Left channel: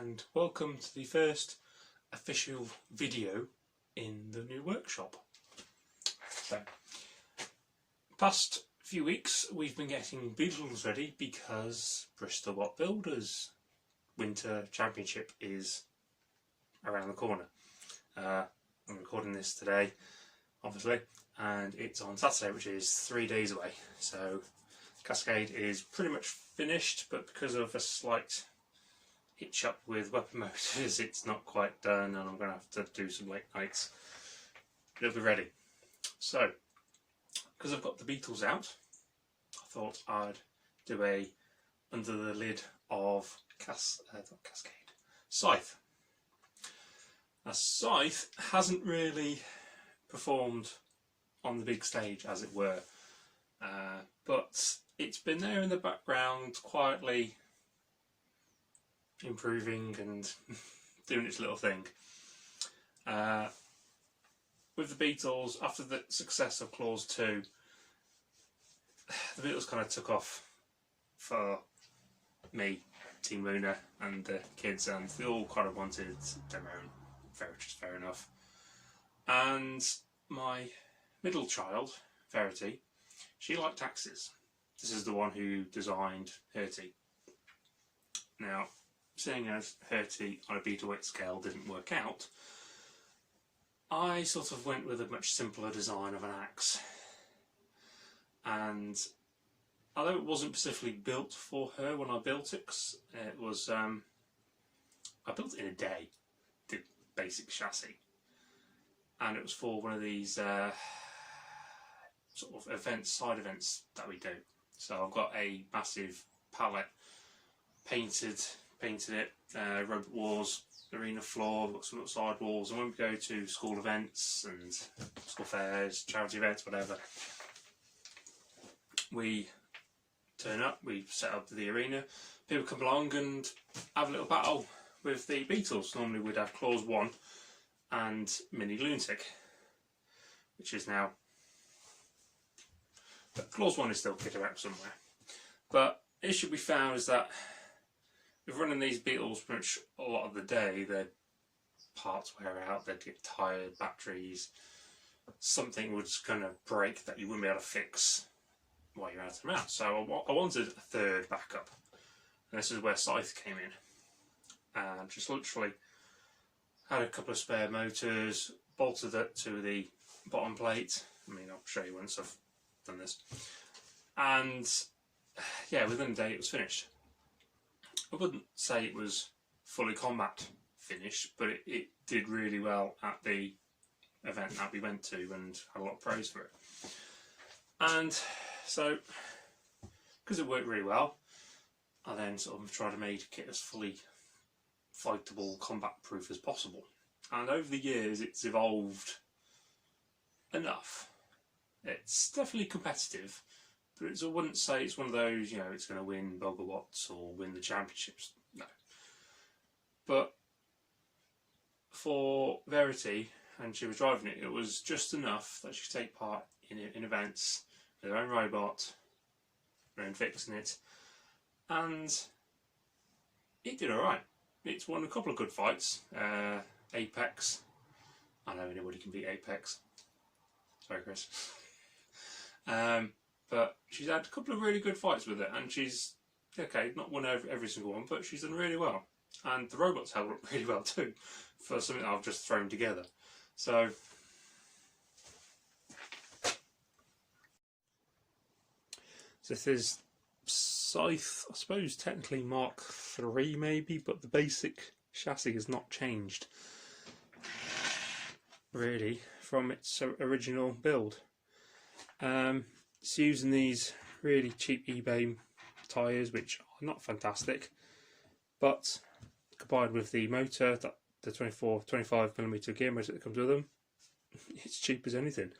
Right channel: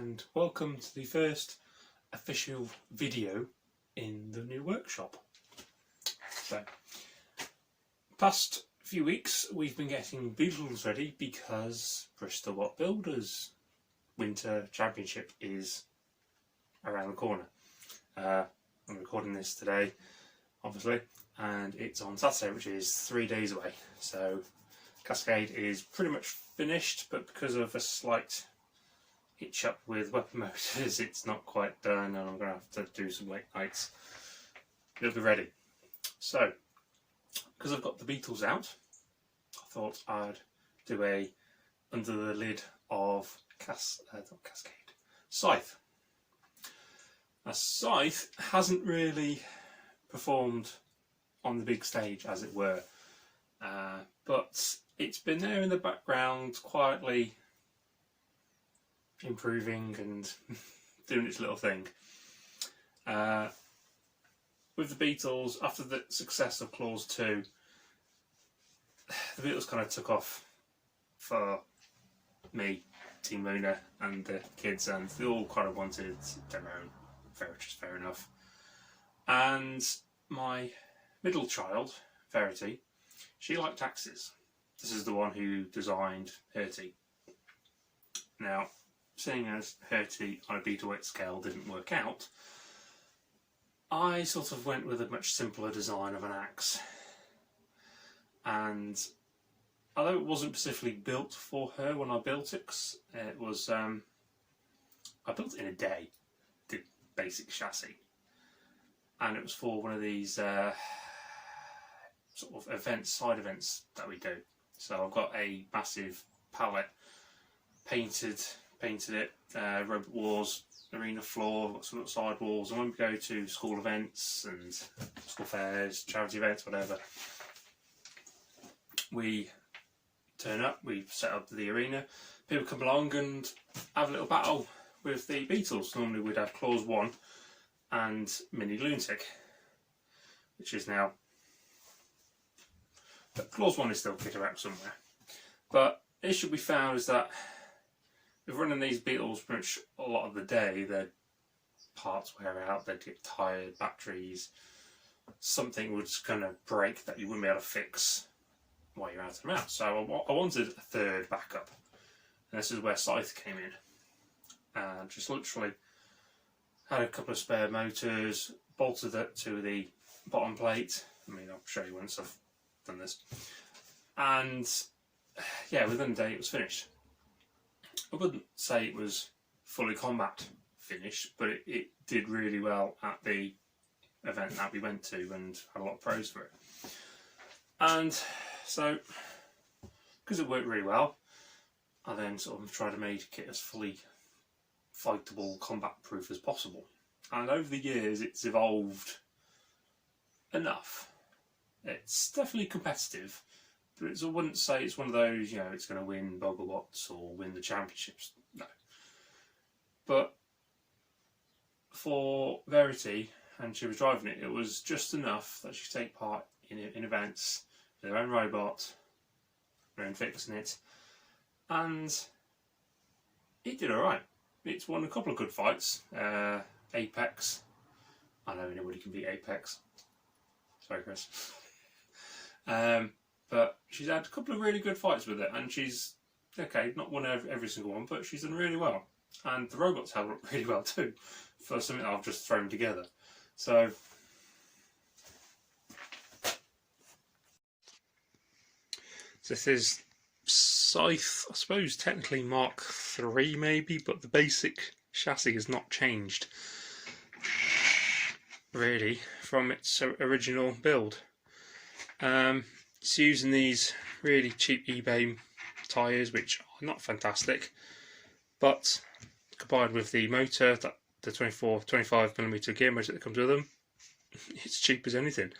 and welcome to the first official video in the new workshop. So, past few weeks we've been getting Beetles ready because Bristol What Builders Winter Championship is around the corner. I'm recording this today, obviously, and it's on Saturday, which is 3 days away. So Cascade is pretty much finished, but because of a slight hitch up with weapon motors, it's not quite done, and I'm going to have to do some late nights. It'll be ready. So, because I've got the Beetles out, I thought I'd do a under the lid of Sythe. Now, Sythe hasn't really performed on the big stage, as it were, but it's been there in the background, quietly improving and doing its little thing. With the Beetles, after the success of Clause 2, the Beetles kind of took off for me, Team Luna, and the kids, and they all kind of wanted their own, which is fair enough. And my middle child, Verity, she liked axes. This is the one who designed Herty. Now, seeing as Herty on a Beetleweight scale didn't work out, I sort of went with a much simpler design of an axe. And although it wasn't specifically built for her when I built it, it was I built it in a day, the basic chassis, and it was for one of these sort of events, side events that we do. So I've got a massive pallet, painted it, robot wars, arena floor, got some little side walls, and when we go to school events and school fairs, charity events, whatever, we turn up, we set up the arena, people come along and have a little battle with the Beetles. Normally we'd have Clause 1 and Mini Lunatic, which is now, but Clause 1 is still kicking around somewhere. But the issue we found is that if running these Beetles pretty much a lot of the day, their parts wear out, they'd get tired, batteries, something would kind of break that you wouldn't be able to fix while you're out and about. So I wanted a third backup, and this is where Sythe came in. And just literally had a couple of spare motors, bolted it to the bottom plate. I mean, I'll show you once I've done this. And yeah, within a day it was finished. I wouldn't say it was fully combat finished, but it did really well at the event that we went to and had a lot of praise for it. And so, because it worked really well, I then sort of tried to make it as fully fightable, combat proof as possible. And over the years it's evolved enough. It's definitely competitive, but I wouldn't say it's one of those, it's going to win Burgh or win the championships. No. But for Verity, and she was driving it, it was just enough that she could take part in events with her own robot, her own fixing it, and it did alright. It's won a couple of good fights. Apex. I know anybody can beat Apex. Sorry, Chris. But she's had a couple of really good fights with it, and she's, okay, not won every single one, but she's done really well. And the robots held up really well too, for something that I've just thrown together. So, this is Sythe, I suppose technically Mark 3 maybe, but the basic chassis has not changed really from its original build. It's using these really cheap eBay tyres, which are not fantastic, but combined with the motor, the 25mm gear motor that comes with them, it's cheap as anything,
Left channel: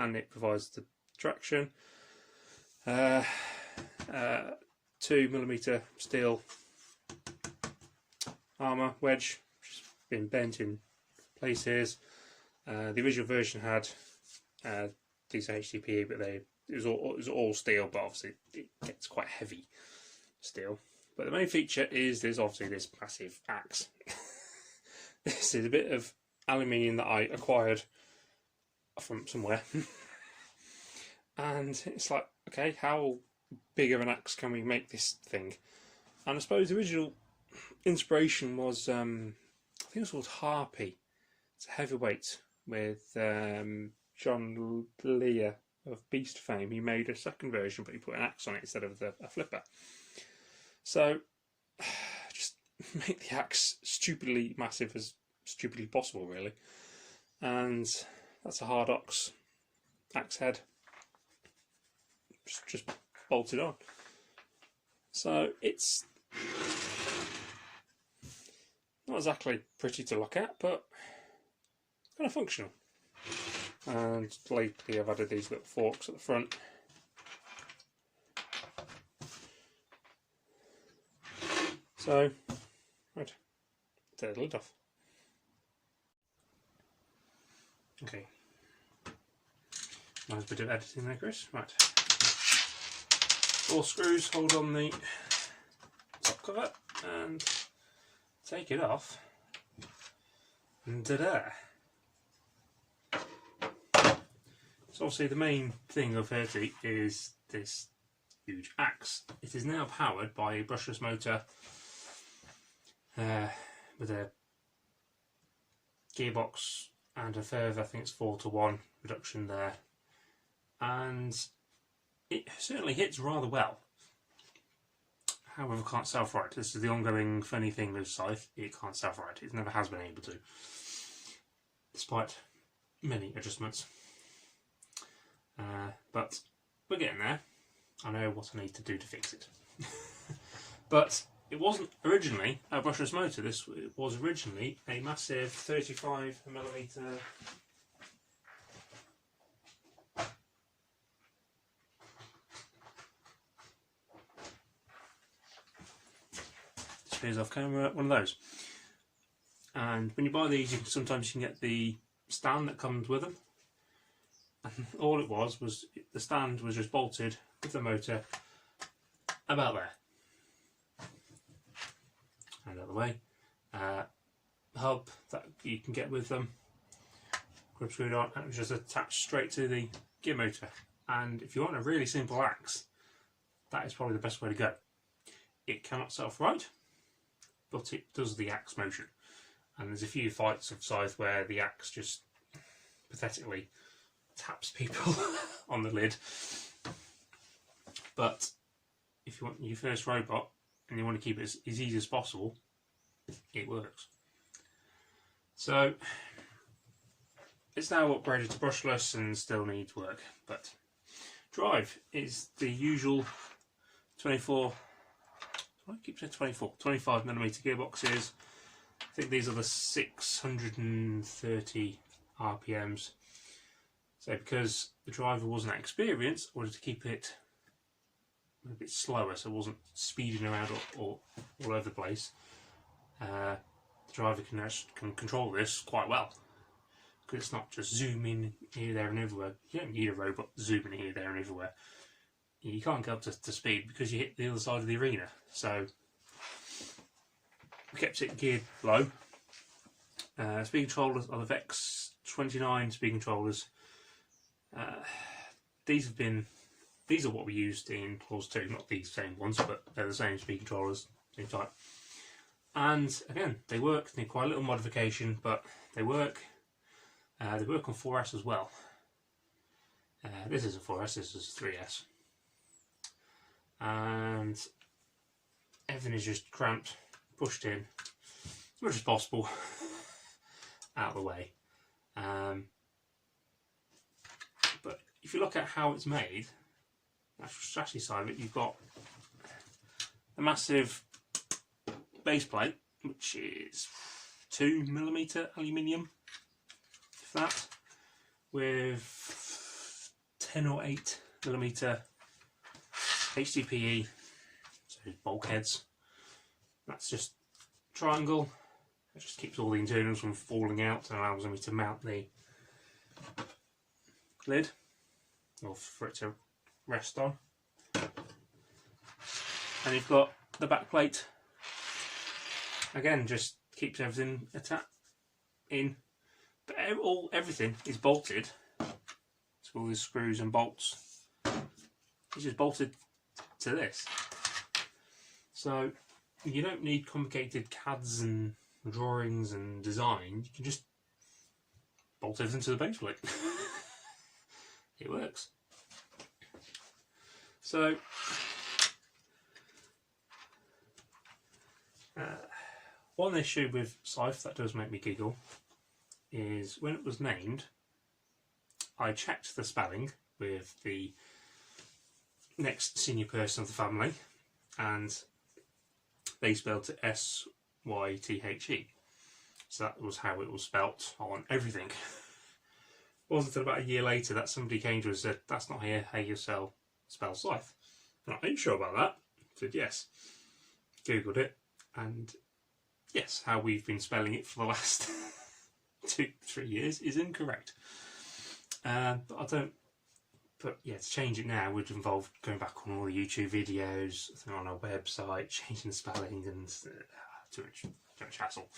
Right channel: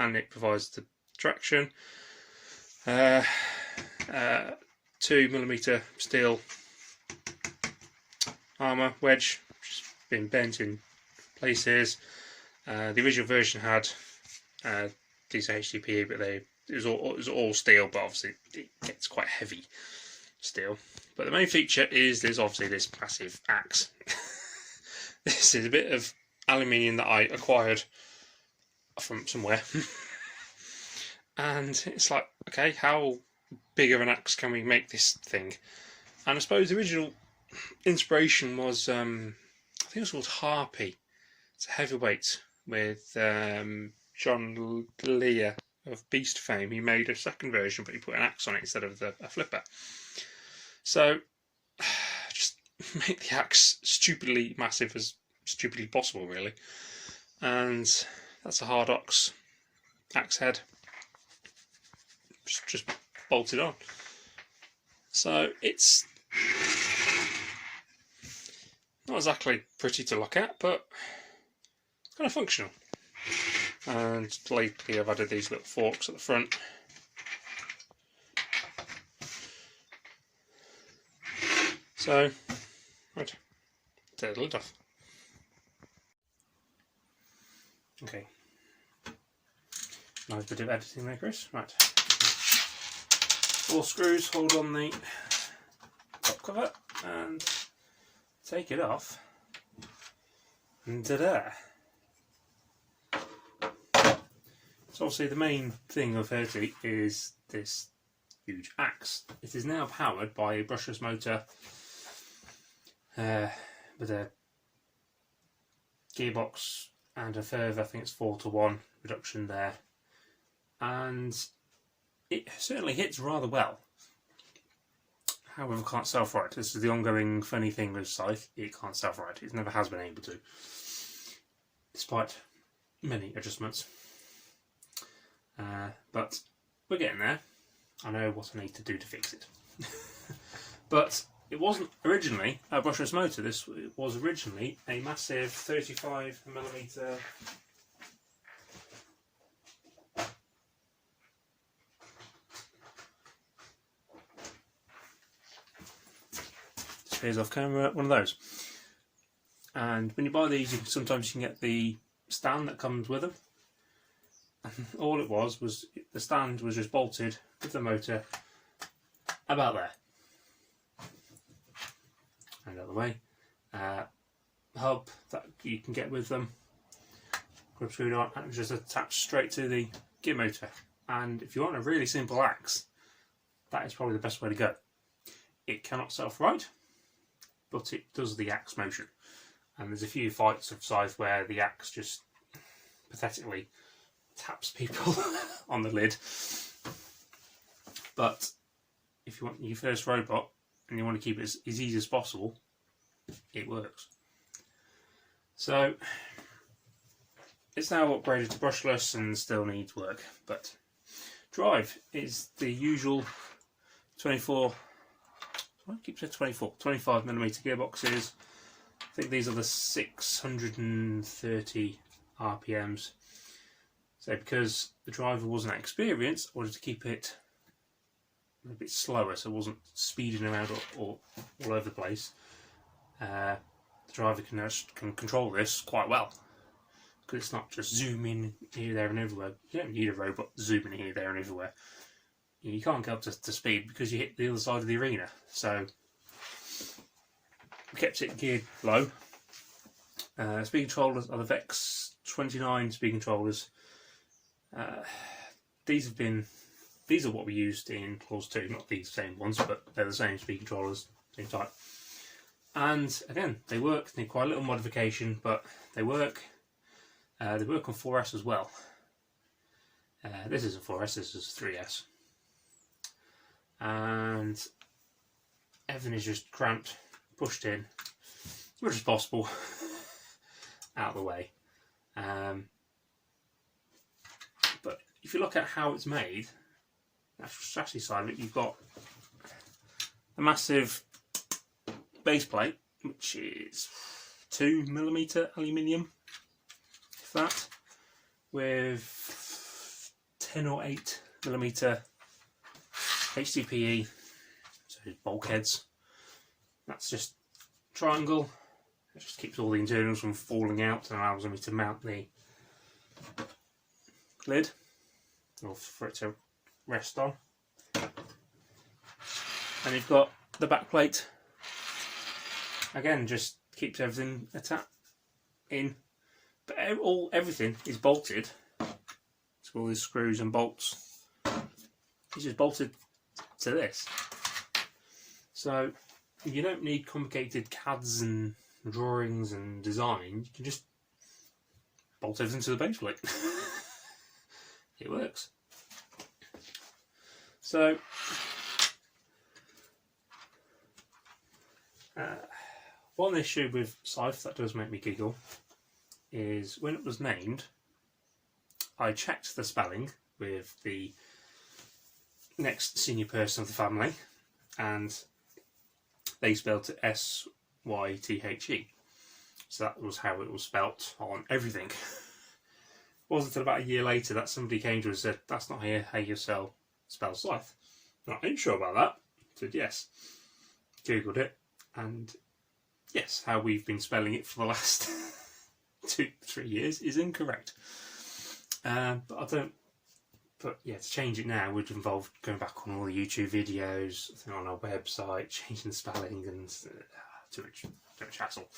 and it provides the traction. 2mm steel armour wedge, which has been bent in places. The original version had these HDPE, but it was all steel, but obviously it gets quite heavy steel. But the main feature is there's obviously this massive axe. This is a bit of aluminium that I acquired from somewhere. And it's like, okay, how big of an axe can we make this thing? And I suppose the original inspiration was, I think it was called Harpy. It's a heavyweight with John Lear of Beast fame. He made a second version, but he put an axe on it instead of a flipper. So, just make the axe stupidly massive as stupidly possible, really. And that's a hard axe head. Just bolted on. So it's not exactly pretty to look at, but it's kind of functional. And lately I've added these little forks at the front. So, right, take the lid off. Okay. Nice bit of editing there, Chris. Right. 4 screws hold on the top cover and take it off. And ta-da! So obviously the main thing of Sythe is this huge axe. It is now powered by a brushless motor with a gearbox and a further, I think it's 4:1 reduction there, and it certainly hits rather well. However, can't self-right. This is the ongoing funny thing with Sythe. It can't self-right. It never has been able to, despite many adjustments. But we're getting there. I know what I need to do to fix it. But it wasn't originally a brushless motor. This was originally a massive 35mm disappears off camera, one of those. And when you buy these, sometimes you can get the stand that comes with them. And all it was the stand was just bolted with the motor about there. And out of the way. Hub that you can get with them, grip screwed on, and it was just attached straight to the gear motor. And if you want a really simple axe, that is probably the best way to go. It cannot self-right, but it does the axe motion. And there's a few fights of Sythe where the axe just pathetically taps people on the lid. But if you want your first robot and you want to keep it as easy as possible, it works. So it's now upgraded to brushless and still needs work, but drive is the usual 25mm gearboxes. I think these are the 630 RPMs. So because the driver wasn't that experienced, I wanted to keep it a bit slower so it wasn't speeding around all over the place. The driver can control this quite well, because it's not just zooming here, there and everywhere. You don't need a robot zooming here, there and everywhere. You can't get up to speed because you hit the other side of the arena. So we kept it geared low. Speed controllers are the Vex 29 speed controllers. These are what we used in Clause 2, not these same ones, but they're the same speed controllers, same type. And again, they work. They need quite a little modification, but they work. They work on 4S as well. This is a 4S, this is a 3S. And everything is just cramped, pushed in, as much as possible, out of the way. But if you look at how it's made, the chassis side of it, you've got the massive base plate, which is 2mm aluminium, if that, with 10 or 8mm HDPE, so bulkheads. That's just triangle. That just keeps all the internals from falling out and allows me to mount the lid, or for it to rest on. And you've got the back plate, again, just keeps everything in. But everything is bolted. So all these screws and bolts, it's just bolted to this. So you don't need complicated CADs and drawings and design. You can just bolt everything to the base plate. It works. So one issue with Sythe that does make me giggle is when it was named, I checked the spelling with the next senior person of the family, and they spelled it S-Y-T-H-E. So that was how it was spelt on everything. It wasn't until about a year later that somebody came to us and said, that's not how you spell Sythe. Are you sure about that? I said, yes. Googled it, and yes, how we've been spelling it for the last 2-3 years is incorrect. But yeah, to change it now would involve going back on all the YouTube videos, on our website, changing the spelling, and too much hassle.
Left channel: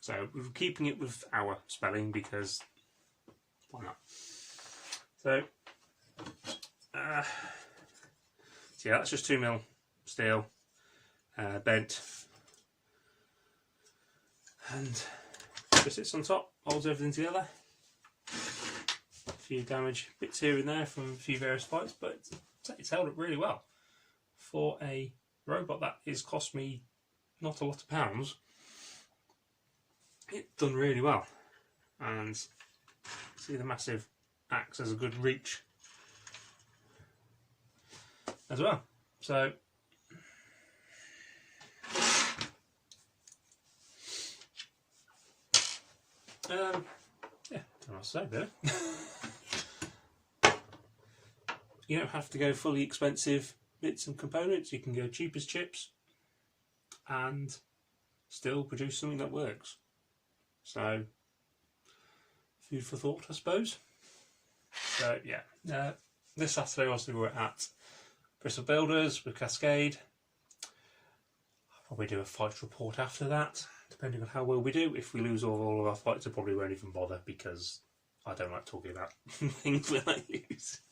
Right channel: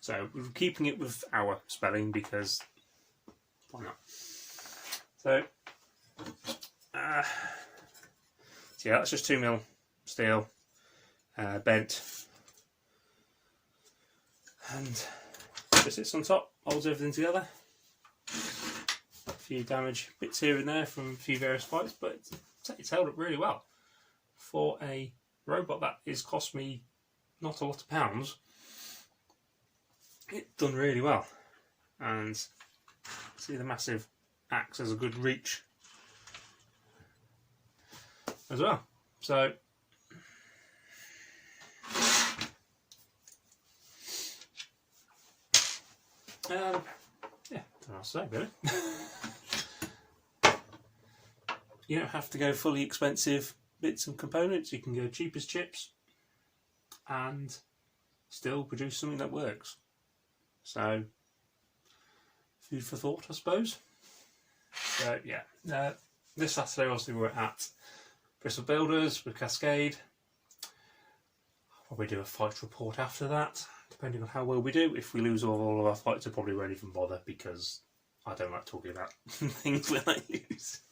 So we're keeping it with our spelling because why not? So yeah, that's just 2mm steel, bent, and just sits on top, holds everything together. A few damaged bits here and there from a few various fights, but it's held up really well for a robot that has cost me not a lot of pounds. It's done really well, and see the massive axe has a good reach as well. So yeah, don't know what to say really. You don't have to go fully expensive bits and components. You can go cheap as chips and still produce something that works. So food for thought, I suppose. So yeah, this Saturday obviously we're at Bristol Builders with Cascade. I'll probably do a fight report after that, depending on how well we do. If we lose all of our fights, I probably won't even bother because I don't like talking about things when I lose.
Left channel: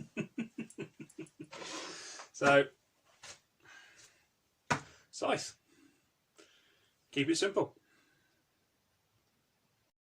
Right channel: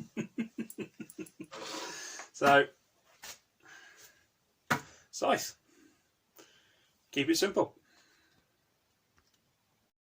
So, Sythe. Keep it simple.